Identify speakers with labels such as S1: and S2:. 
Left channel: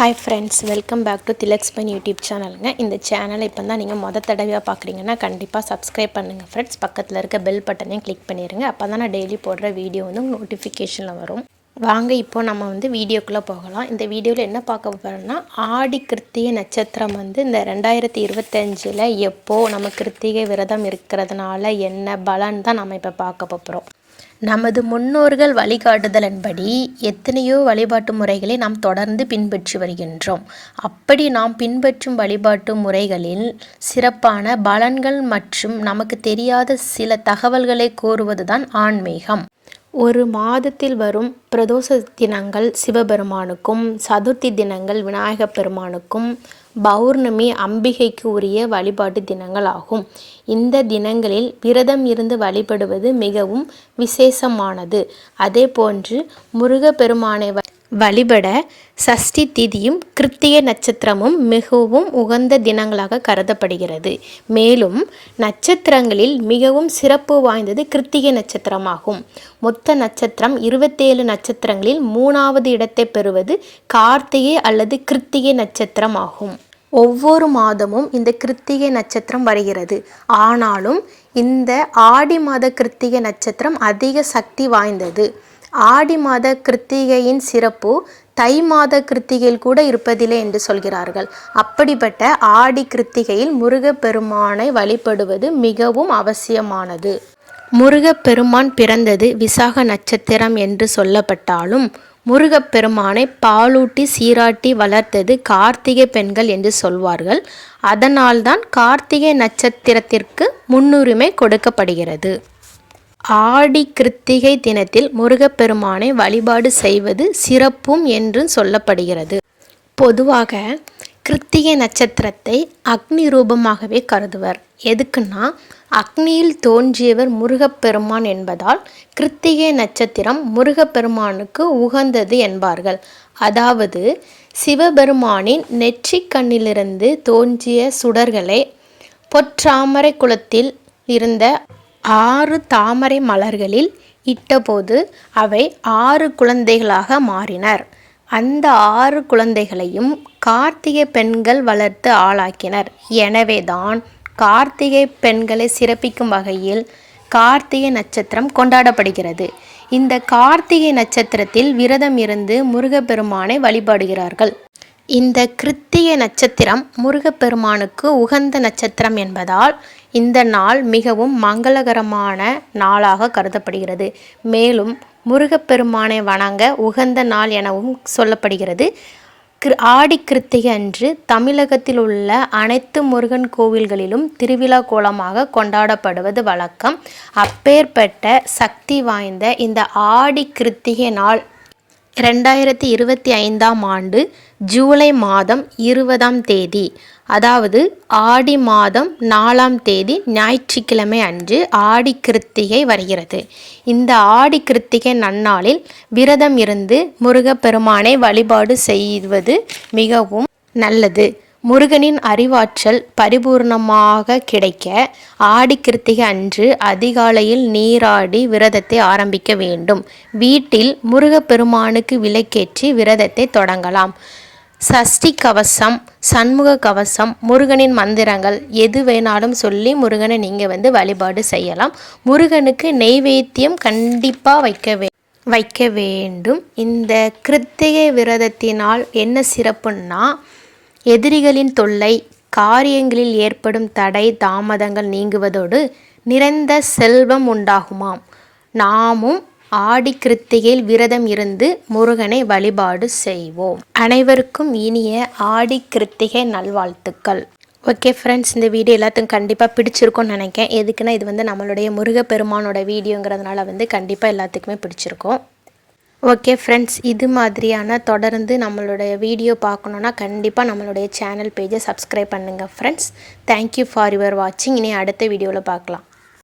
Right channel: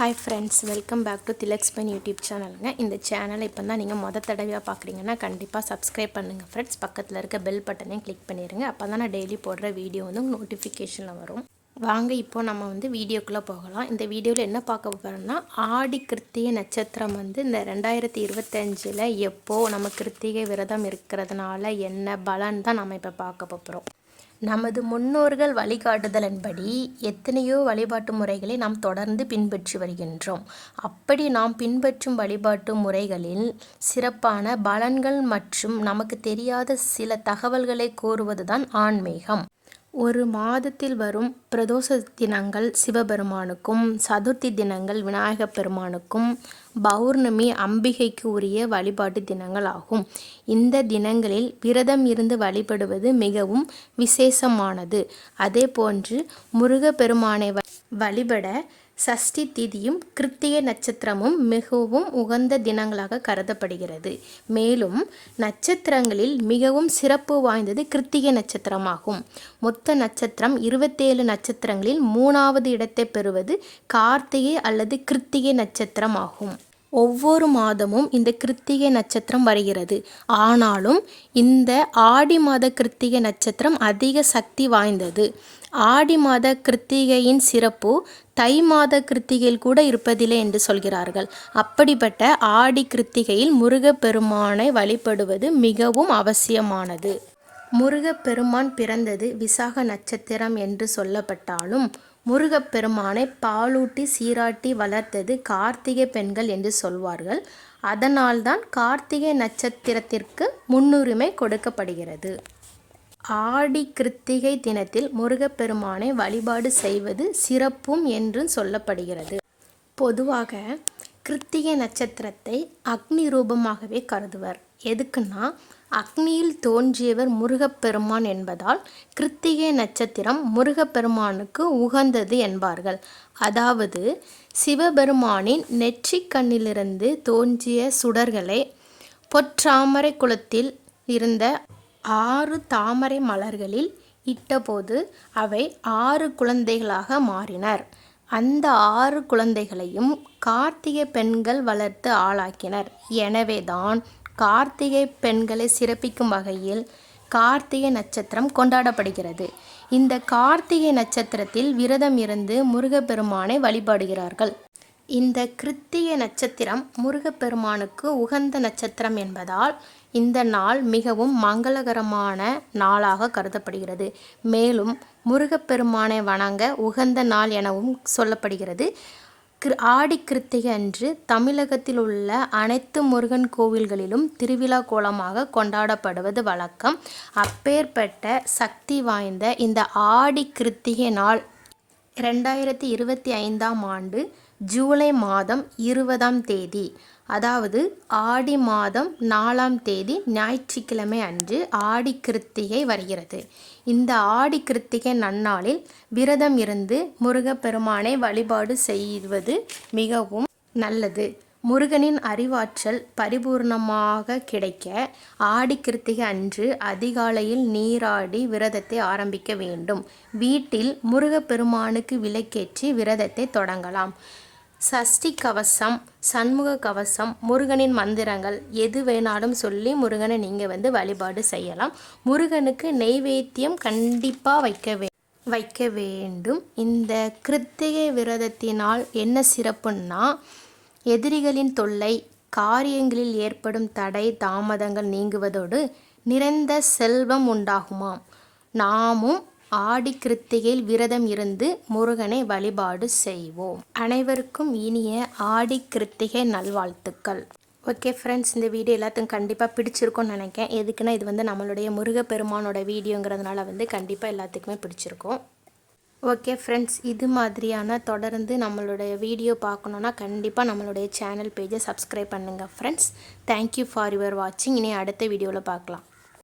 S1: Hi friends welcome back to திலக்ஸ்பன் YouTube சேனலுங்க இந்த சேனலை இப்போ தான் நீங்கள் மொதல் தடவையாக பார்க்குறீங்கன்னா கண்டிப்பாக சப்ஸ்கிரைப் பண்ணுங்கள் ஃப்ரெண்ட்ஸ் பக்கத்தில் இருக்க பெல் பட்டனையும் கிளிக் பண்ணிடுங்க அப்போ தான் நான் டெய்லி போடுற வீடியோ வந்து நோட்டிஃபிகேஷனில் வரும். வாங்க இப்போ நம்ம வந்து வீடியோக்குள்ளே போகலாம். இந்த வீடியோவில் என்ன பார்க்க போகிறோம்னா ஆடி கிருத்திகை நட்சத்திரம் வந்து இந்த ரெண்டாயிரத்தி இருபத்தஞ்சில் எப்போது நம்ம கிருத்திகை விரதம் இருக்கிறதுனால என்ன பலன் தான் நம்ம இப்போ பார்க்க போகிறோம் நமது முன்னோர்கள் வழிகாட்டுதலின்படி எத்தனையோ வழிபாட்டு முறைகளை நாம் தொடர்ந்து பின்பற்றி வருகின்றோம். அப்படி நாம் பின்பற்றும் வழிபாட்டு முறைகளில் சிறப்பான பலன்கள் மற்றும் நமக்கு தெரியாத சில தகவல்களை கோருவதுதான் ஆன்மீகம். ஒரு மாதத்தில் வரும் பிரதோஷ தினங்கள் சிவபெருமானுக்கும் சதுர்த்தி தினங்கள் விநாயகப் பெருமானுக்கும் பௌர்ணமி அம்பிகைக்கு உரிய வழிபாட்டு தினங்கள் ஆகும் இந்த தினங்களில் விரதம் இருந்து வழிபடுவது மிகவும் விசேஷமானது. அதே போன்று முருகப்பெருமானை வழிபட சஷ்டி திதியும் கிருத்திய நட்சத்திரமும் மிகவும் உகந்த தினங்களாக கருதப்படுகிறது. மேலும் நட்சத்திரங்களில் மிகவும் சிறப்பு வாய்ந்தது கிருத்திகை நட்சத்திரமாகும். மொத்த நட்சத்திரம் இருபத்தேழு நட்சத்திரங்களில் மூணாவது இடத்தை பெறுவது கார்த்திகை அல்லது கிருத்திகை நட்சத்திரம் ஆகும் ஒவ்வொரு மாதமும் இந்த கிருத்திகை நட்சத்திரம் வருகிறது. ஆனாலும் இந்த ஆடி மாத கிருத்திகை நட்சத்திரம் அதிக சக்தி வாய்ந்தது. ஆடி மாத கிருத்திகையின் சிறப்பு தை மாத கிருத்திகையில் கூட இருப்பதில்லை என்று சொல்கிறார்கள். அப்படிப்பட்ட ஆடி கிருத்திகையில் முருகப்பெருமானை வழிபடுவது மிகவும் அவசியமானது. முருகப்பெருமான் பிறந்தது விசாக நட்சத்திரம் என்று சொல்லப்பட்டாலும் முருகப்பெருமானை பாலூட்டி சீராட்டி வளர்த்தது கார்த்திகை பெண்கள் என்று சொல்வார்கள். அதனால்தான் கார்த்திகை நட்சத்திரத்திற்கு முன்னுரிமை கொடுக்கப்படுகிறது. ஆடி கிருத்திகை தினத்தில் முருகப்பெருமானை வழிபாடு செய்வது சிறப்பும் என்று சொல்லப்படுகிறது. பொதுவாக கிருத்திகை நட்சத்திரத்தை அக்னி ரூபமாகவே கருதுவர். எதுக்குன்னா அக்னியில் தோன்றியவர் முருகப்பெருமான் என்பதால் கிருத்திகை நட்சத்திரம் முருகப்பெருமானுக்கு உகந்தது என்பார்கள். அதாவது சிவபெருமானின் நெற்றிக் கண்ணிலிருந்து தோன்றிய சுடர்களை பொற்றாமரை குளத்தில் இருந்த ஆறு தாமரை மலர்களில் இட்டபோது அவை ஆறு குழந்தைகளாக மாறினர். அந்த ஆறு குழந்தைகளையும் கார்த்திகை பெண்கள் வளர்த்து ஆளாக்கினர். எனவேதான் கார்த்திகை பெண்களை சிறப்பிக்கும் வகையில் கார்த்திகை நட்சத்திரம் கொண்டாடப்படுகிறது. இந்த கார்த்திகை நட்சத்திரத்தில் விரதம் இருந்து முருகப்பெருமானை வழிபாடுகிறார்கள். இந்த கிருத்திகை நட்சத்திரம் முருகப்பெருமானுக்கு உகந்த நட்சத்திரம் என்பதால் இந்த நாள் மிகவும் மங்களகரமான நாளாக கருதப்படுகிறது. மேலும் முருகப்பெருமானை வணங்க உகந்த நாள் எனவும் சொல்லப்படுகிறது. ஆடி கிருத்திகை அன்று தமிழகத்தில் உள்ள அனைத்து முருகன் கோவில்களிலும் திருவிழா கோலமாக கொண்டாடப்படுவது வழக்கம். அப்பேற்பட்ட சக்தி வாய்ந்த இந்த ஆடி கிருத்திகை நாள் ரெண்டாயிரத்தி இருபத்தி ஐந்தாம் ஆண்டு ஜூலை மாதம் இருபதாம் தேதி அதாவது ஆடி மாதம் நாலாம் தேதி ஞாயிற்றுக்கிழமை அன்று ஆடி கிருத்திகை வருகிறது. இந்த ஆடி கிருத்திகை நன்னாளில் விரதம் இருந்து முருகப்பெருமானை வழிபாடு செய்வது மிகவும் நல்லது. முருகனின் அறிவாற்றல் பரிபூர்ணமாக கிடைக்க ஆடி கிருத்திகை அன்று அதிகாலையில் நீராடி விரதத்தை ஆரம்பிக்க வேண்டும். வீட்டில் முருகப்பெருமானுக்கு விளக்கேற்றி விரதத்தை தொடங்கலாம். சஷ்டி கவசம் சண்முக கவசம் முருகனின் மந்திரங்கள் எது வேணாலும் சொல்லி முருகனை நீங்கள் வந்து வழிபாடு செய்யலாம். முருகனுக்கு நெய்வேத்தியம் கண்டிப்பாக வைக்க வே வைக்க வேண்டும். இந்த கிருத்திகை விரதத்தினால் என்ன சிறப்புன்னா எதிரிகளின் தொல்லை காரியங்களில் ஏற்படும் தடை தாமதங்கள் நீங்குவதோடு நிறைந்த செல்வம் உண்டாகுமாம். நாமும் ஆடி கிருத்திகையில் விரதம் இருந்து முருகனை வழிபாடு செய்வோம். அனைவருக்கும் இனிய ஆடி கிருத்திகை நல்வாழ்த்துக்கள். ஓகே ஃப்ரெண்ட்ஸ் இந்த வீடியோ எல்லாத்துக்கும் கண்டிப்பாக பிடிச்சிருக்கும்னு நினைக்கிறேன். எதுக்குன்னா இது வந்து நம்மளுடைய முருகப்பெருமானோட வீடியோங்கிறதுனால வந்து கண்டிப்பாக எல்லாத்துக்குமே பிடிச்சிருக்கும். ஓகே ஃப்ரெண்ட்ஸ் இது மாதிரியான தொடர்ந்து நம்மளுடைய வீடியோ பார்க்கணுன்னா கண்டிப்பாக நம்மளுடைய சேனல் பேஜை சப்ஸ்கிரைப் பண்ணுங்கள் ஃப்ரெண்ட்ஸ் தேங்க்யூ ஃபார் யுவர் வாட்சிங் இனி அடுத்த வீடியோவில் பார்க்கலாம்.